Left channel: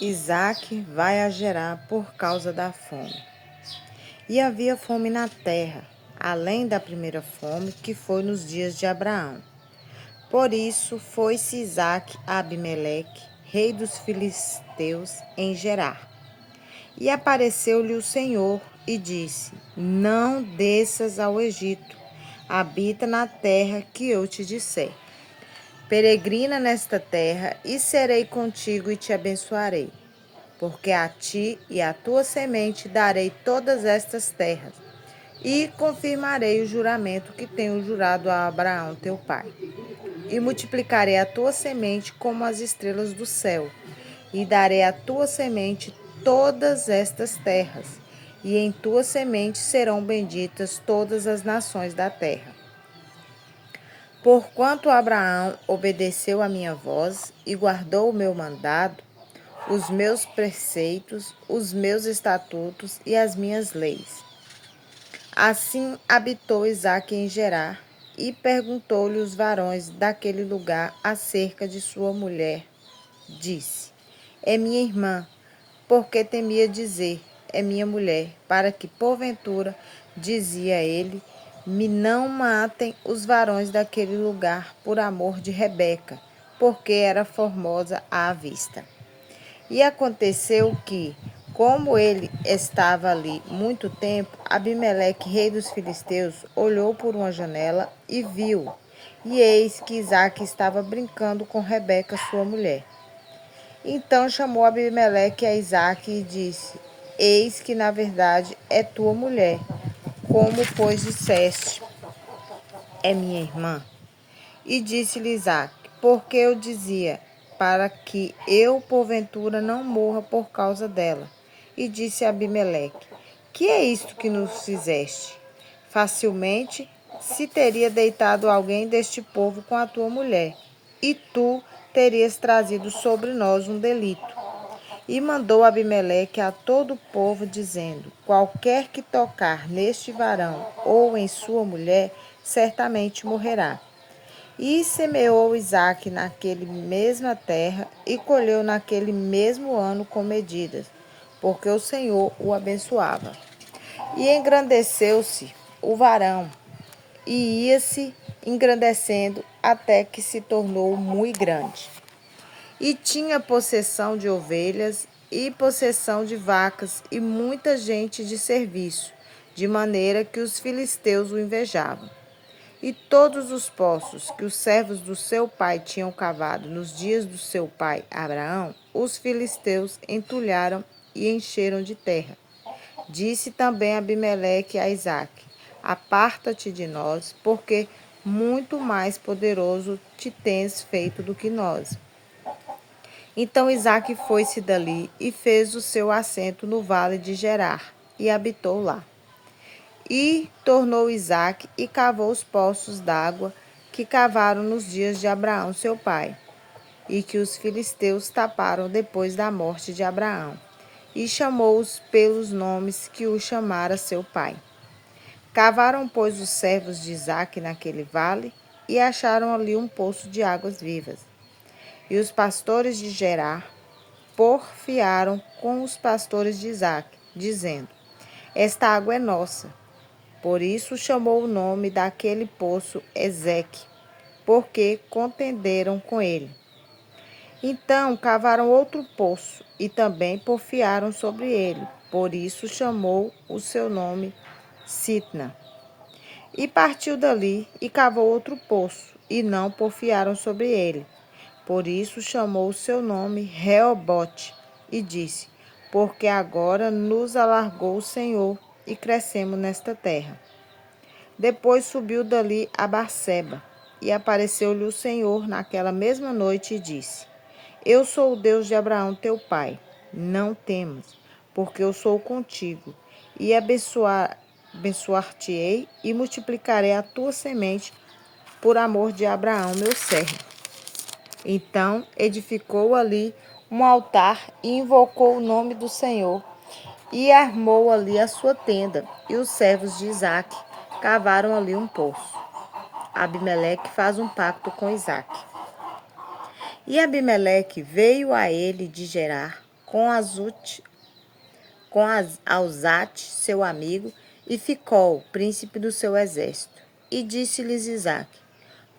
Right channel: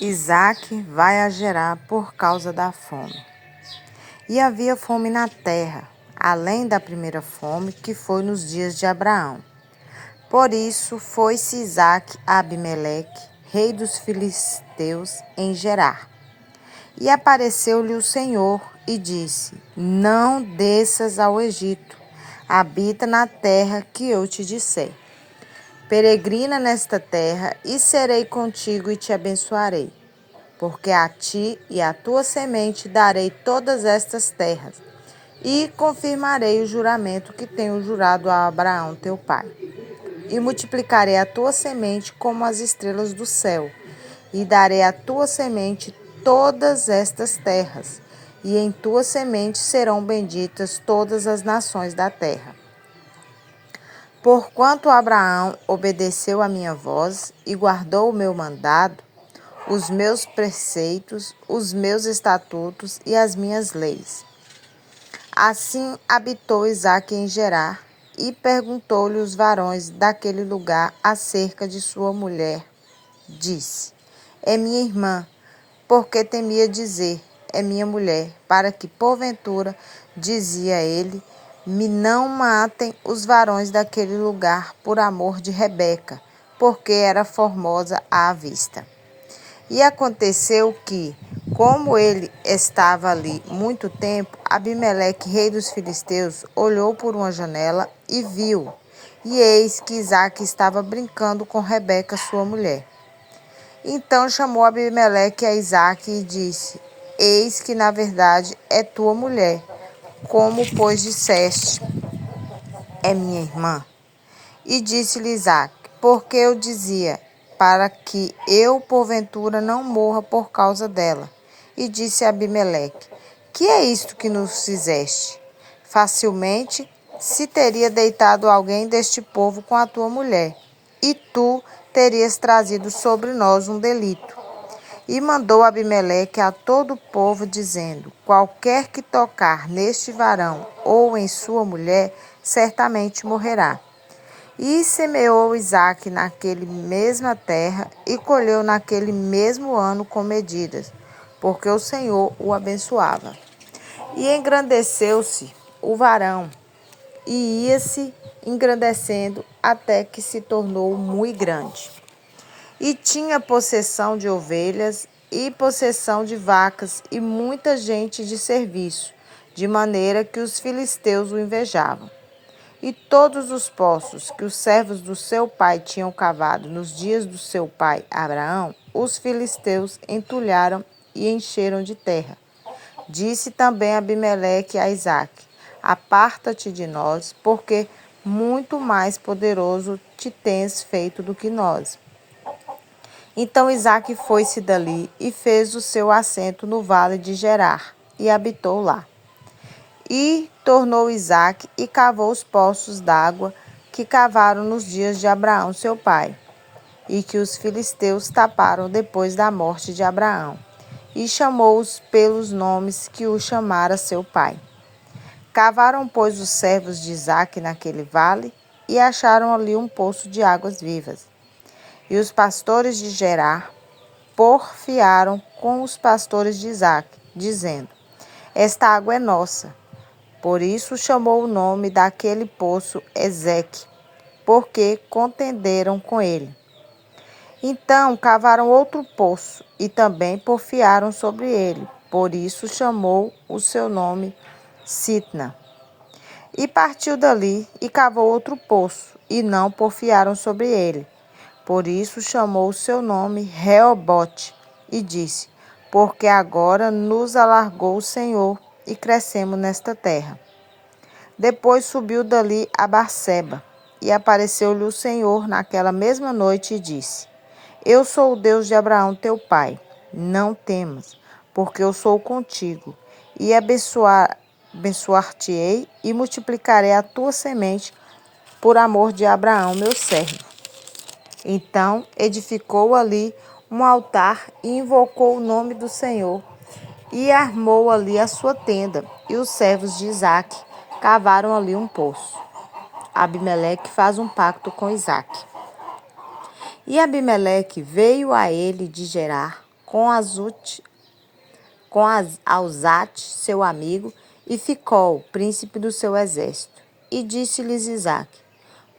Isaque vai a Gerar por causa da fome. E havia fome na terra, além da primeira fome que foi nos dias de Abraão. Por isso foi-se Isaque a Abimeleque, rei dos filisteus, em Gerar. E apareceu-lhe o Senhor e disse: Não desças ao Egito, habita na terra que eu te disser. Peregrina nesta terra, e serei contigo e te abençoarei. Porque a ti e à tua semente darei todas estas terras, e confirmarei o juramento que tenho jurado a Abraão teu pai. E multiplicarei a tua semente como as estrelas do céu, e darei à tua semente todas estas terras, e em tua semente serão benditas todas as nações da terra. Porquanto Abraão obedeceu a minha voz e guardou o meu mandado, os meus preceitos, os meus estatutos e as minhas leis. Assim habitou Isaque em Gerar, e perguntou-lhe os varões daquele lugar acerca de sua mulher. Disse: É minha irmã, porque temia dizer: É minha mulher, para que, porventura, dizia ele, me não matem os varões daquele lugar por amor de Rebeca, porque era formosa à vista. E aconteceu que, como ele estava ali muito tempo, Abimeleque, rei dos filisteus, olhou por uma janela e viu, e eis que Isaque estava brincando com Rebeca, sua mulher. Então chamou Abimeleque a Isaque e disse: Eis que na verdade é tua mulher, como pois disseste, é minha irmã. E disse-lhe Isaque: Porque eu dizia, para que eu porventura não morra por causa dela. E disse a Abimeleque: Que é isto que nos fizeste? Facilmente se teria deitado alguém deste povo com a tua mulher, e tu terias trazido sobre nós um delito. E mandou Abimeleque a todo o povo, dizendo: Qualquer que tocar neste varão ou em sua mulher, certamente morrerá. E semeou Isaque naquele mesma terra e colheu naquele mesmo ano com medidas, porque o Senhor o abençoava. E engrandeceu-se o varão, e ia-se engrandecendo até que se tornou muito grande. E tinha possessão de ovelhas e possessão de vacas e muita gente de serviço, de maneira que os filisteus o invejavam. E todos os poços que os servos do seu pai tinham cavado nos dias do seu pai Abraão, os filisteus entulharam e encheram de terra. Disse também Abimeleque a Isaque: Aparta-te de nós, porque muito mais poderoso te tens feito do que nós. Então Isaque foi-se dali e fez o seu assento no vale de Gerar, e habitou lá. E tornou Isaque e cavou os poços d'água que cavaram nos dias de Abraão seu pai, e que os filisteus taparam depois da morte de Abraão, e chamou-os pelos nomes que o chamara seu pai. Cavaram, pois, os servos de Isaque naquele vale, e acharam ali um poço de águas vivas. E os pastores de Gerar porfiaram com os pastores de Isaque, dizendo: Esta água é nossa. Por isso chamou o nome daquele poço Ezeque, porque contenderam com ele. Então cavaram outro poço e também porfiaram sobre ele. Por isso chamou o seu nome Sitna. E partiu dali e cavou outro poço, e não porfiaram sobre ele. Por isso chamou o seu nome Reobote, e disse: Porque agora nos alargou o Senhor, e crescemos nesta terra. Depois subiu dali a Barseba, e apareceu-lhe o Senhor naquela mesma noite e disse: Eu sou o Deus de Abraão teu pai, não temas, porque eu sou contigo, e abençoar-te-ei e multiplicarei a tua semente por amor de Abraão meu servo. Então edificou ali um altar e invocou o nome do Senhor, e armou ali a sua tenda, e os servos de Isaque cavaram ali um poço. Abimeleque faz um pacto com Isaque. E Abimeleque veio a ele de Gerar, Alzate, seu amigo, e Ficol, príncipe do seu exército. E disse-lhes Isaque:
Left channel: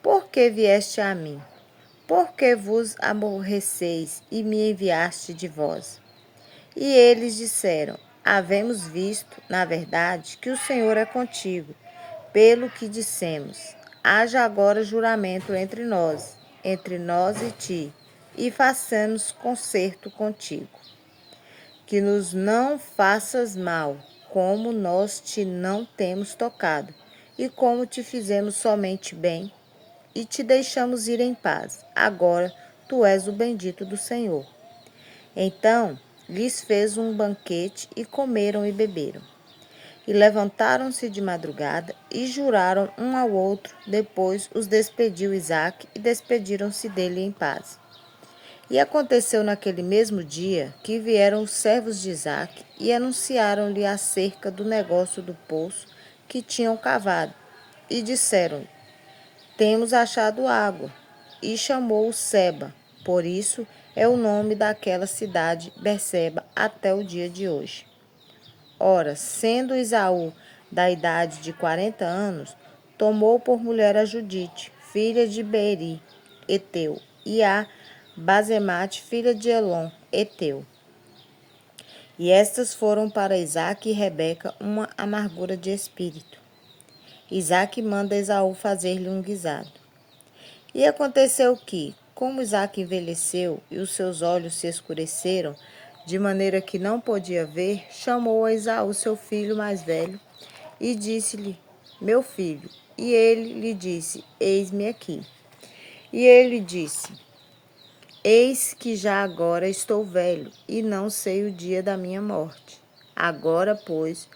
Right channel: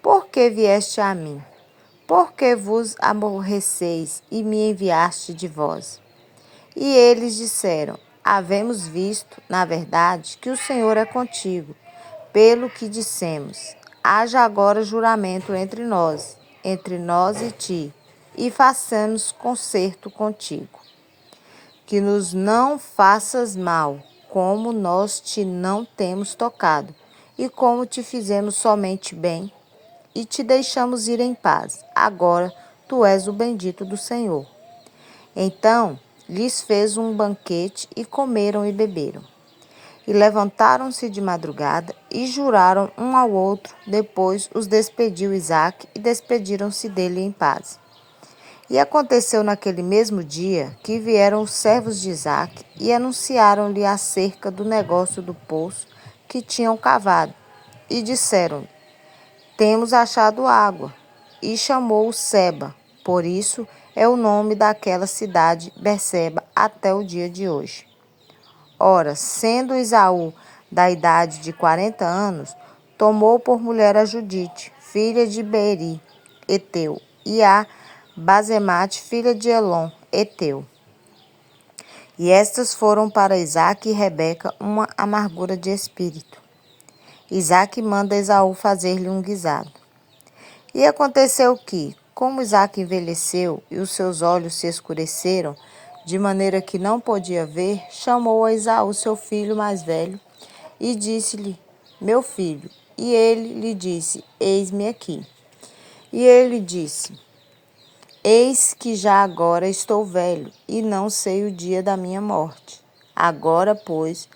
Por que vieste a mim? Por que vos aborreceis e me enviaste de vós? E eles disseram: Havemos visto, na verdade, que o Senhor é contigo, pelo que dissemos: Haja agora juramento entre nós e ti, e façamos concerto contigo, que nos não faças mal, como nós te não temos tocado, e como te fizemos somente bem, e te deixamos ir em paz. Agora tu és o bendito do Senhor. Então lhes fez um banquete, e comeram e beberam. E levantaram-se de madrugada, e juraram um ao outro. Depois os despediu Isaque, e despediram-se dele em paz. E aconteceu naquele mesmo dia que vieram os servos de Isaque e anunciaram-lhe acerca do negócio do poço que tinham cavado. E disseram: Temos achado água. E chamou-o Seba. Por isso é o nome daquela cidade Berseba até o dia de hoje. Ora, sendo Esaú da idade de 40 anos, tomou por mulher a Judite, filha de Beeri, Eteu, e a Basemate, filha de Elon, Eteu. E estas foram para Isaque e Rebeca uma amargura de espírito. Isaque manda Esaú fazer-lhe um guisado. E aconteceu que, como Isaque envelheceu e os seus olhos se escureceram, de maneira que não podia ver, chamou a Esaú, seu filho mais velho, e disse-lhe: Meu filho. E ele lhe disse: Eis-me aqui. E ele disse: Eis que já agora estou velho, e não sei o dia da minha morte. Agora, pois,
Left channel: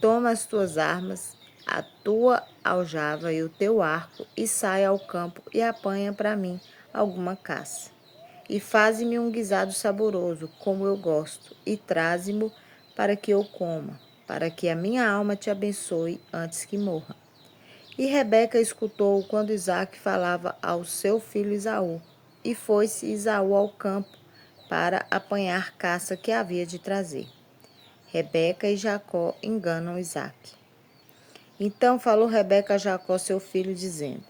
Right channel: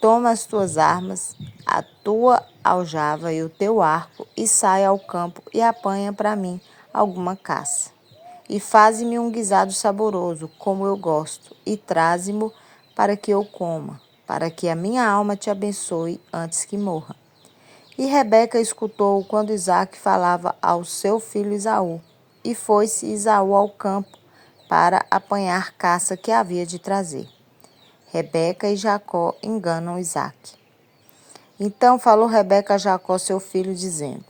toma as tuas armas, a tua aljava e o teu arco, e sai ao campo e apanha para mim alguma caça. E faze-me um guisado saboroso, como eu gosto, e traze-mo para que eu coma, para que a minha alma te abençoe antes que morra. E Rebeca escutou quando Isaque falava ao seu filho Esaú. E foi-se Esaú ao campo para apanhar caça que havia de trazer. Rebeca e Jacó enganam Isaque. Então falou Rebeca a Jacó, seu filho, dizendo:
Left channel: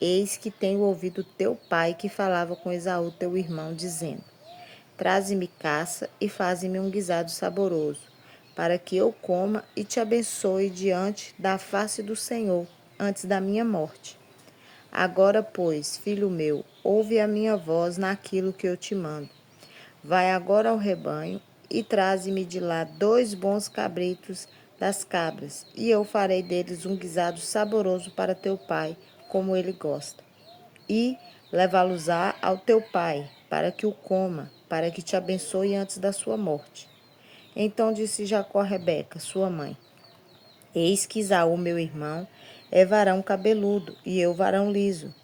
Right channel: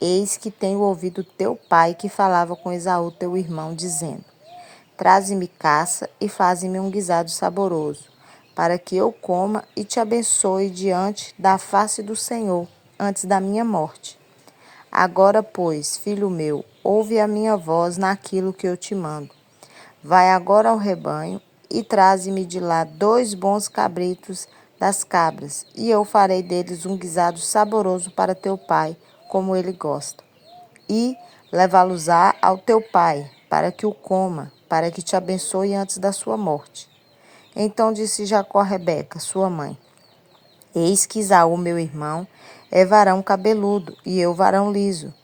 Eis que tenho ouvido teu pai que falava com Esaú, teu irmão, dizendo: Traze-me caça e faze-me um guisado saboroso, para que eu coma e te abençoe diante da face do Senhor, antes da minha morte. Agora, pois, filho meu, ouve a minha voz naquilo que eu te mando. Vai agora ao rebanho e traze-me de lá 2 bons cabritos das cabras, e eu farei deles um guisado saboroso para teu pai, como ele gosta. E levá-los-á ao teu pai, para que o coma, para que te abençoe antes da sua morte. Então disse Jacó a Rebeca, sua mãe: Eis que Esaú, meu irmão, é varão cabeludo, e eu varão liso.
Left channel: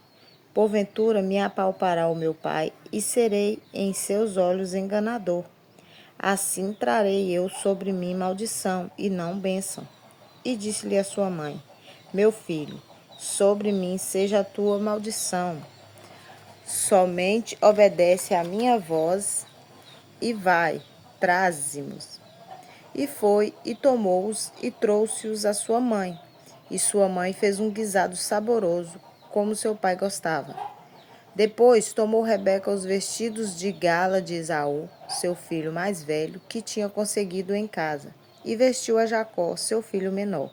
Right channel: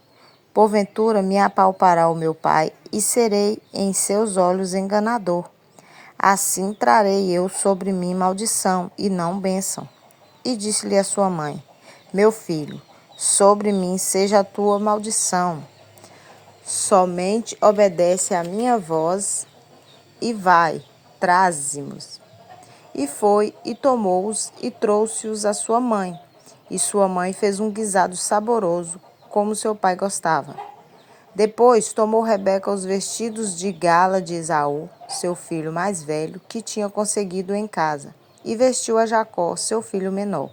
Porventura me apalpará o meu pai, e serei em seus olhos enganador. Assim trarei eu sobre mim maldição, e não bênção. E disse-lhe a sua mãe: Meu filho, sobre mim seja a tua maldição. Somente obedece à minha voz, e vai, traze-mos. E foi, e tomou-os, e trouxe-os à sua mãe. E sua mãe fez um guisado saboroso, como seu pai gostava. Depois tomou Rebeca os vestidos de gala de Esaú, seu filho mais velho, que tinha conseguido em casa, e vestiu a Jacó, seu filho menor.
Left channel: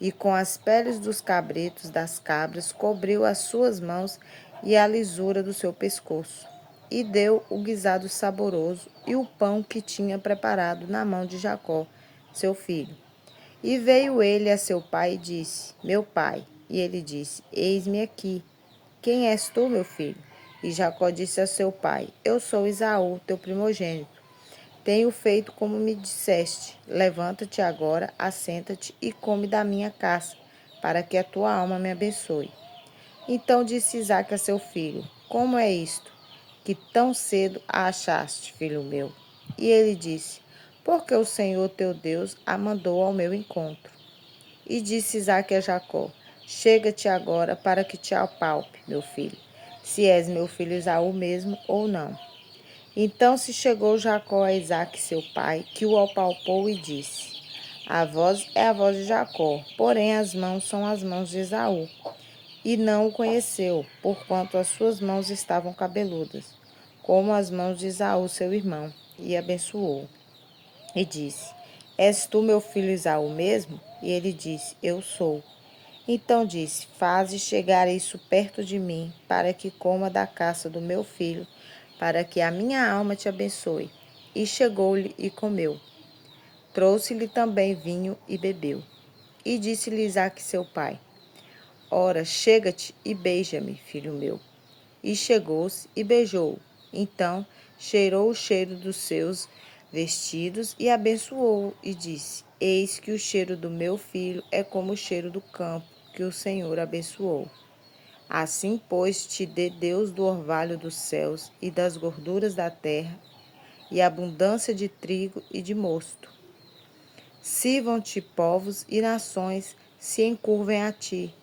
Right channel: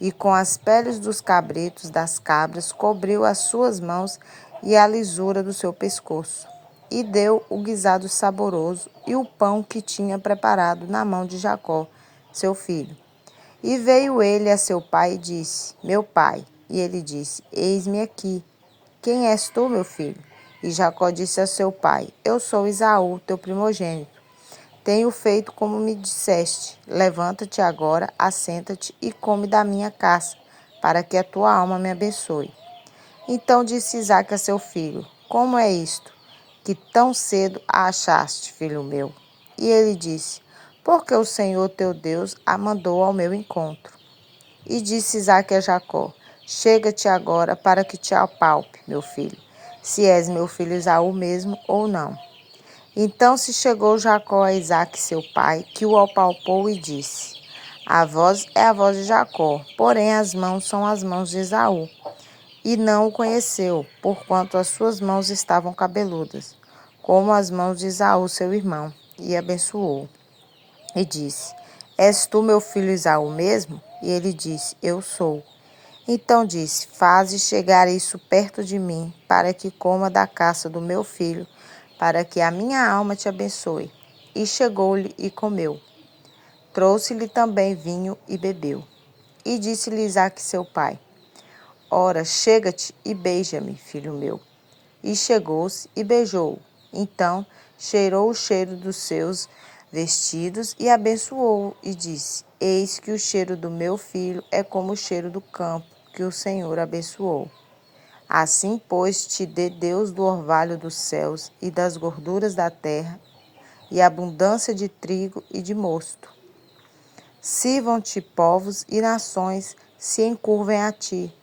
E com as peles dos cabritos das cabras cobriu as suas mãos e a lisura do seu pescoço. E deu o guisado saboroso e o pão que tinha preparado na mão de Jacó, seu filho. E veio ele a seu pai e disse: Meu pai. E ele disse: Eis-me aqui. Quem és tu, meu filho? E Jacó disse a seu pai: Eu sou Esaú, teu primogênito. Tenho feito como me disseste. Levanta-te agora, assenta-te e come da minha caça, para que a tua alma me abençoe. Então disse Isaque a seu filho: Como é isto, que tão cedo a achaste, filho meu? E ele disse: Porque o Senhor teu Deus a mandou ao meu encontro. E disse Isaque a Jacó: Chega-te agora para que te apalpe, meu filho, se és meu filho Esaú mesmo ou não. Então se chegou Jacó a Isaque seu pai, que o apalpou e disse: A voz é a voz de Jacó, porém as mãos são as mãos de Esaú. E não o conheceu, porquanto as suas mãos estavam cabeludas, como as mãos de Esaú seu irmão, e abençoou. E disse: És tu meu filho Esaú mesmo? E ele disse: Eu sou. Então disse: Faze chegar isso perto de mim, para que coma da caça do meu filho, para que a minha alma te abençoe. E chegou-lhe e comeu. Trouxe-lhe também vinho e bebeu. E disse-lhe Isaque seu pai: Ora, chega-te e beija-me, filho meu. E chegou-se e beijou-o. Então cheirou o cheiro dos seus vestidos e abençoou-o e disse: Eis que o cheiro do meu filho é como o cheiro do campo que o Senhor abençoou. Assim, pois, te dê Deus do orvalho dos céus e das gorduras da terra, e abundância de trigo e de mosto. Sirvam-te povos e nações se encurvem a ti.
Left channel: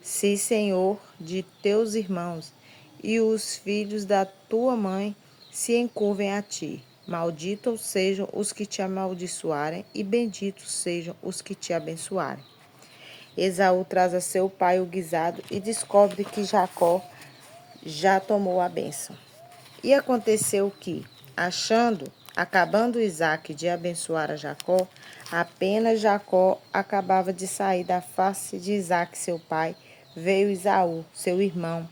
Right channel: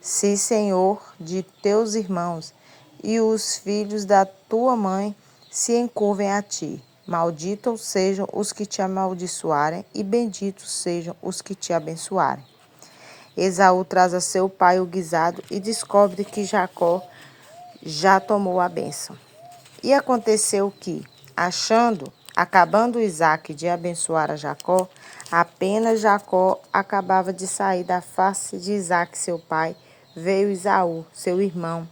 Se, Senhor, de teus irmãos e os filhos da tua mãe se encurvem a ti. Malditos sejam os que te amaldiçoarem e benditos sejam os que te abençoarem. Esaú traz a seu pai o guisado e descobre que Jacó já tomou a bênção. E aconteceu que, acabando Isaque de abençoar a Jacó, apenas Jacó acabava de sair da face de Isaque seu pai, veio Esaú, seu irmão,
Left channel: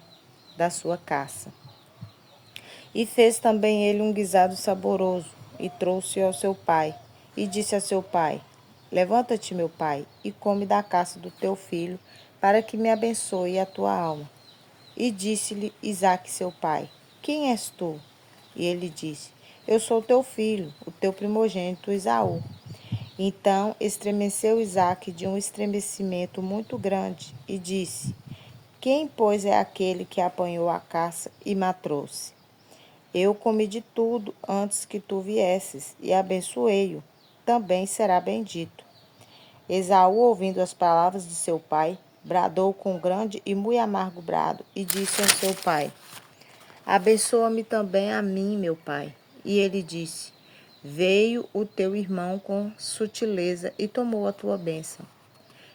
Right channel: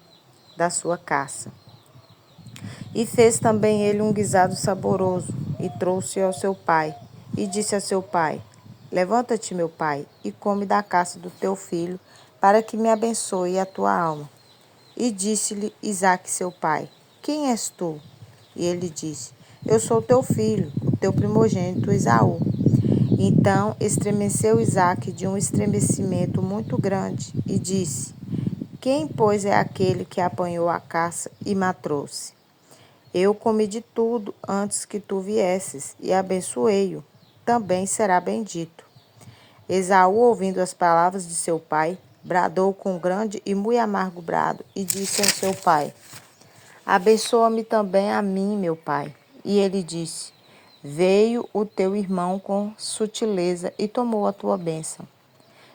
da sua caça. E fez também ele um guisado saboroso, e trouxe ao seu pai, e disse a seu pai: Levanta-te, meu pai, e come da caça do teu filho, para que me abençoe a tua alma. E disse-lhe Isaque seu pai: Quem és tu? E ele disse: Eu sou teu filho, o teu primogênito Esaú. Então estremeceu Isaque de um estremecimento muito grande, e disse: Quem, pois, é aquele que apanhou a caça e me trouxe? Eu comi de tudo antes que tu viesses, e abençoei-o. Também será bendito. Esaú, ouvindo as palavras de seu pai, bradou com grande e muito amargo brado, e disse a seu pai: Abençoa-me também a mim, meu pai. E ele disse: Veio o teu irmão com sutileza e tomou a tua bênção.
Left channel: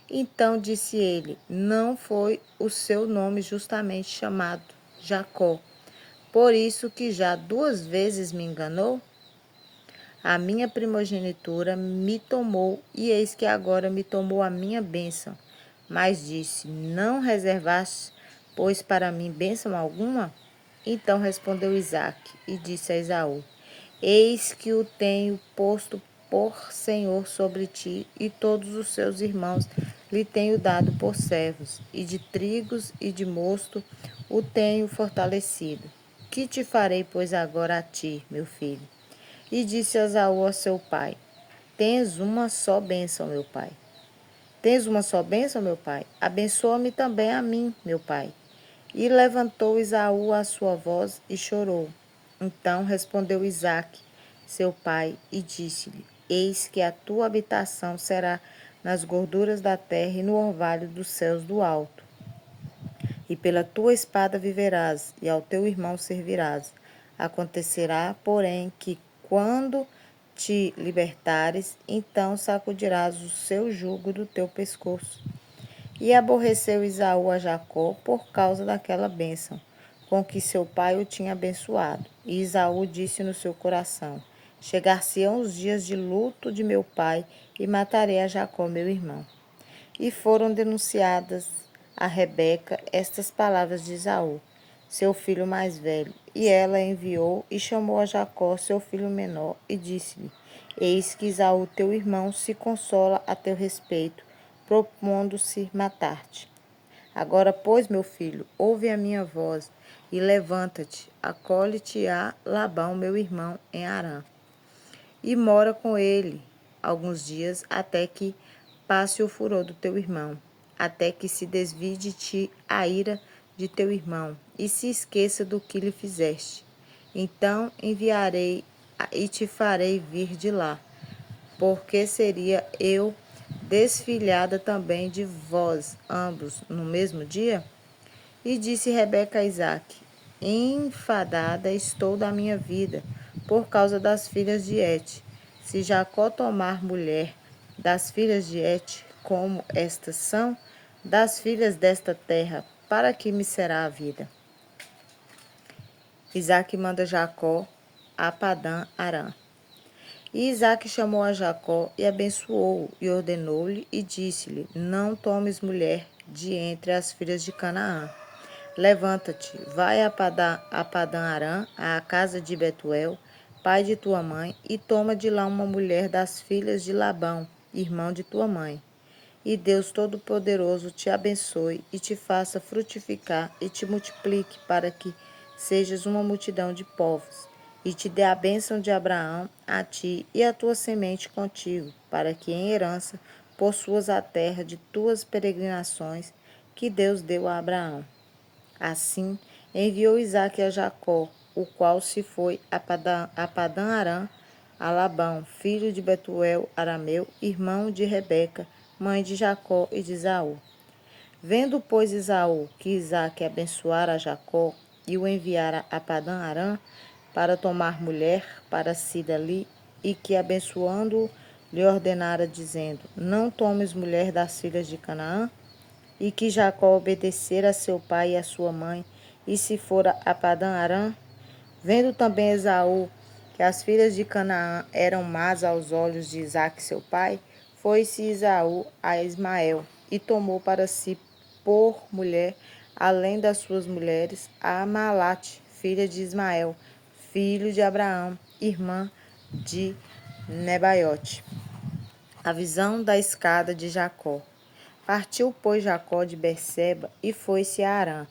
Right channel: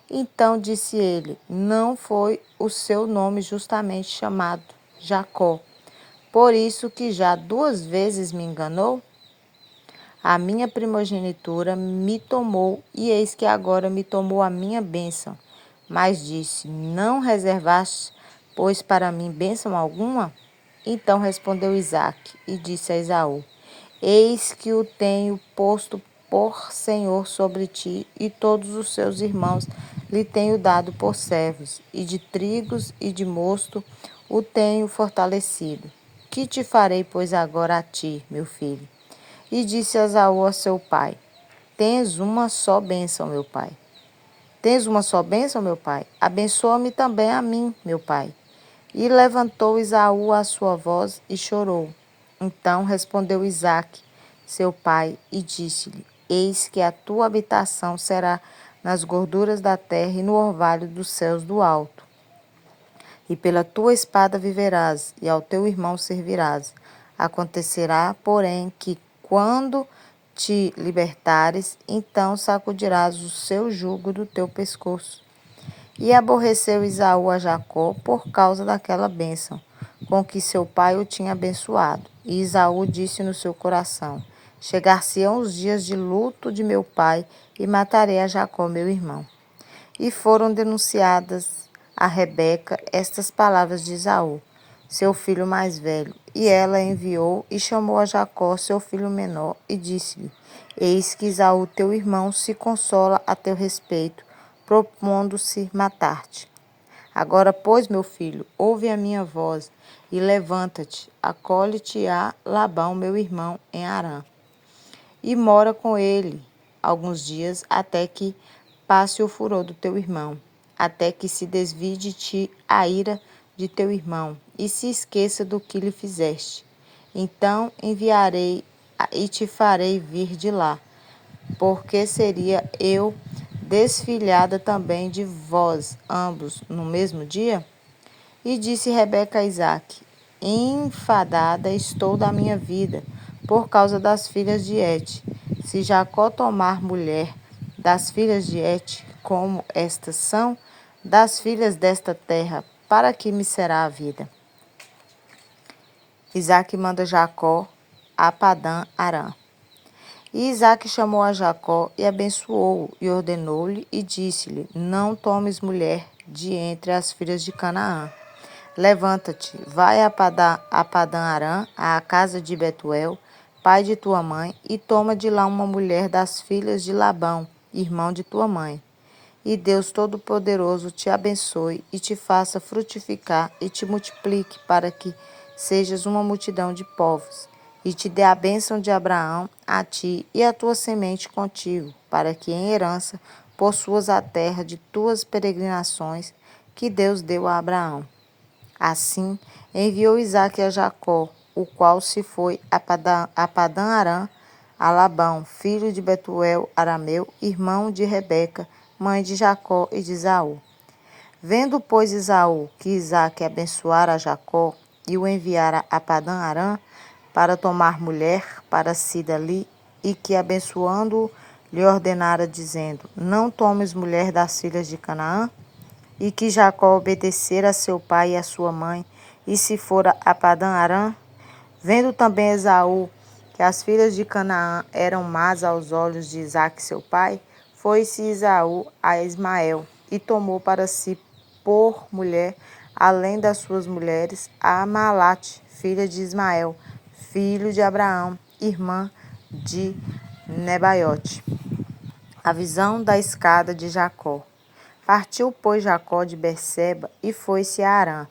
Então disse ele: Não foi o seu nome justamente chamado Jacó, por isso que já 2 vezes me enganou? A minha primogenitura me tomou, e eis que agora me tomou a minha bênção. Mas disse: Não reservaste, pois, para mim bênção alguma? Então respondeu Isaque e disse a Esaú: Eis que o tenho posto por senhor sobre ti, e todos os seus irmãos lhe tenho dado por servos, e de trigos e de mosto o tenho fortalecido. Que te farei, pois, agora a ti, meu filho? E disse Esaú a seu pai: Tens uma só bênção, meu pai. Tens uma só bênção, meu pai? Abençoa-me também a mim, meu pai. E levantou Esaú a sua voz e chorou. Então respondeu Isaque, seu pai, e disse-lhe: Eis que a tua habitação será nas gorduras da terra e no orvalho dos céus do alto. E pela tua espada viverás, e ao teu irmão servirás. Acontecerá, porém, que quando te libertares, então sacudirás o seu jugo do teu pescoço. E aborreceu Esaú a Jacó por causa daquela bênção, com que seu pai o tinha abençoado. E Esaú disse no seu coração: Chegar-se-ão os dias de luto de meu pai, e matarei a Jacó, meu irmão. E foram denunciadas a Rebeca estas palavras de Esaú, seu filho mais velho. E ela enviou e chamou a Jacó, seu filho menor, e disse-lhe: Eis que Esaú, teu irmão, se consola a teu respeito, propondo-se matar-te. Agora, pois, meu filho, ouve a minha voz e levanta-te, acolhe-te a Labão, meu irmão, em Harã, e mora com ele alguns dias até que passe o furor do teu irmão, até que se desvie de ti a ira de teu irmão e se esqueça do que lhe fizeste. Então enviarei e te farei vir de lá, porque seria eu desfilhada também de vós ambos no mesmo dia? E disse Rebeca a Isaque: Enfadada estou da minha vida, por causa das filhas de Et. Se Jacó tomar mulher das filhas de Et, como estas são, das filhas desta terra, para que me será a vida? Isaque manda Jacó a Padã Arã. E Isaque chamou a Jacó e abençoou-o, e ordenou-lhe e disse-lhe: Não tomes mulher de entre as filhas de Canaã. Levanta-te, vai a Padã Arã, à casa de Betuel, pai de tua mãe, e toma de lá uma mulher das filhas de Labão, irmão de tua mãe. E Deus Todo-Poderoso te abençoe e te faça frutificar e te multiplique para que sejas uma multidão de povos. E te dê a bênção de Abraão a ti e a tua semente contigo, para que em herança possuas a terra de tuas peregrinações que Deus deu a Abraão. Assim enviou Isaque a Jacó, o qual se foi a Padã Arã, a Labão, filho de Betuel arameu, irmão de Rebeca, mãe de Jacó e de Esaú. Vendo, pois, Esaú que Isaque abençoara a Jacó e o enviara a Padã Arã para tomar mulher para si dali, e que abençoando-o lhe ordenara, dizendo: Não tomes mulher das filhas de Canaã, e que Jacó obedecera a seu pai e a sua mãe, e se fora a Padã Arã. Vendo também Esaú que as filhas de Canaã eram más aos olhos de Isaque seu pai, foi-se Esaú a Ismael, e tomou para si por mulher, além das suas mulheres, a Amalate, filha de Ismael, filho de Abraão, irmã de Nebaiote. A visão da escada de Jacó. Partiu, pois, Jacó de Berseba e foi-se a Harã.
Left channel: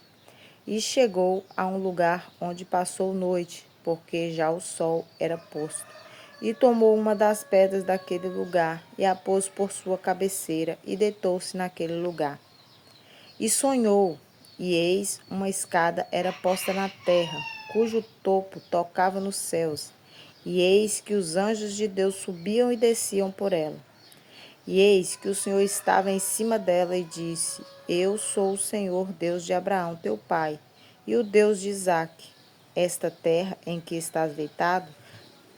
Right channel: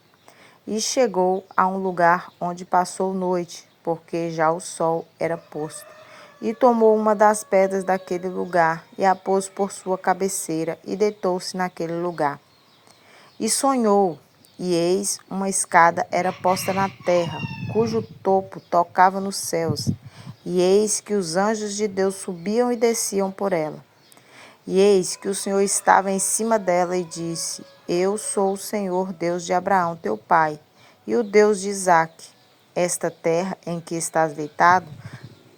E chegou a um lugar onde passou noite, porque já o sol era posto. E tomou uma das pedras daquele lugar, e a pôs por sua cabeceira, e deitou-se naquele lugar. E sonhou, e eis, uma escada era posta na terra, cujo topo tocava nos céus. E eis que os anjos de Deus subiam e desciam por ela. E eis que o Senhor estava em cima dela e disse: Eu sou o Senhor, Deus de Abraão, teu pai, e o Deus de Isaque. Esta terra em que estás deitado,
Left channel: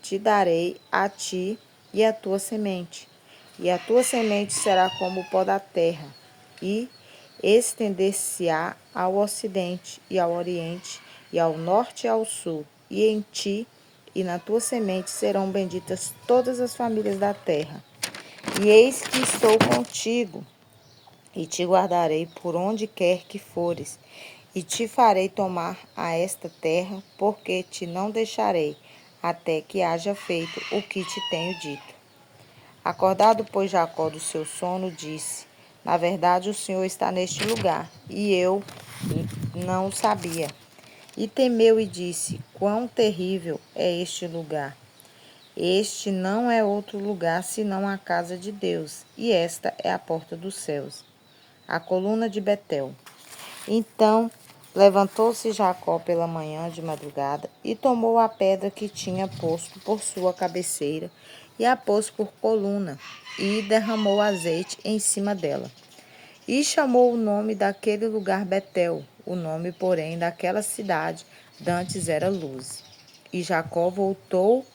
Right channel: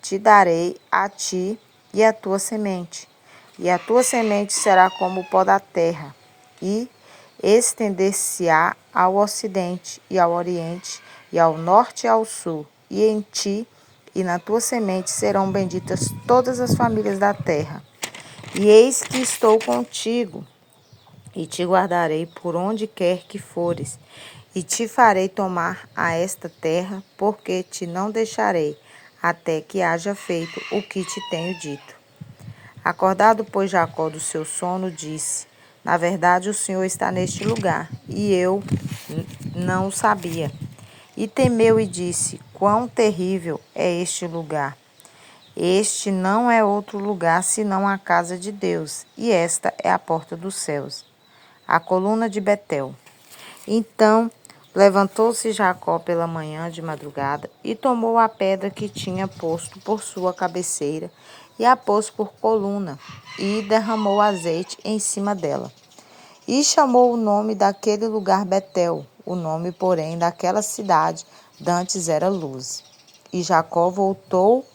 te darei a ti e a tua semente. E a tua semente será como o pó da terra, e estender-se-á ao ocidente e ao oriente, e ao norte e ao sul. E em ti e na tua semente serão benditas todas as famílias da terra. E eis que estou contigo, e te guardarei por onde quer que fores, e te farei tomar a esta terra, porque te não deixarei, até que haja feito o que te tenho dito. Acordado, pois, Jacó do seu sono, disse: Na verdade, o Senhor está neste lugar, e eu não o sabia. E temeu e disse: Quão terrível é este lugar! Este não é outro lugar senão a casa de Deus, e esta é a porta dos céus, a coluna de Betel. Então levantou-se Jacó pela manhã de madrugada e tomou a pedra que tinha posto por sua cabeceira e a pôs por coluna e derramou azeite em cima dela. E chamou o nome daquele lugar Betel, o nome, porém, daquela cidade dantes era Luz. E Jacó voltou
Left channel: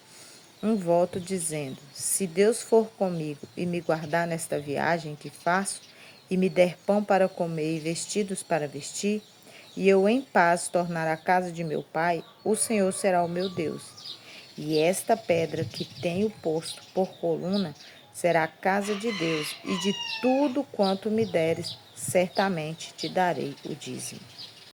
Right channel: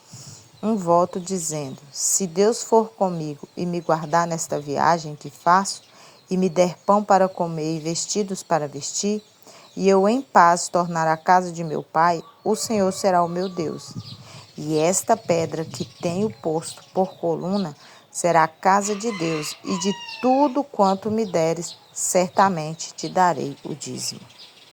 um voto dizendo: Se Deus for comigo e me guardar nesta viagem que faço, e me der pão para comer e vestidos para vestir, e eu em paz tornar à casa de meu pai, o Senhor será o meu Deus. E esta pedra que tenho posto por coluna será a casa de Deus, e de tudo quanto me deres, certamente te darei o dízimo.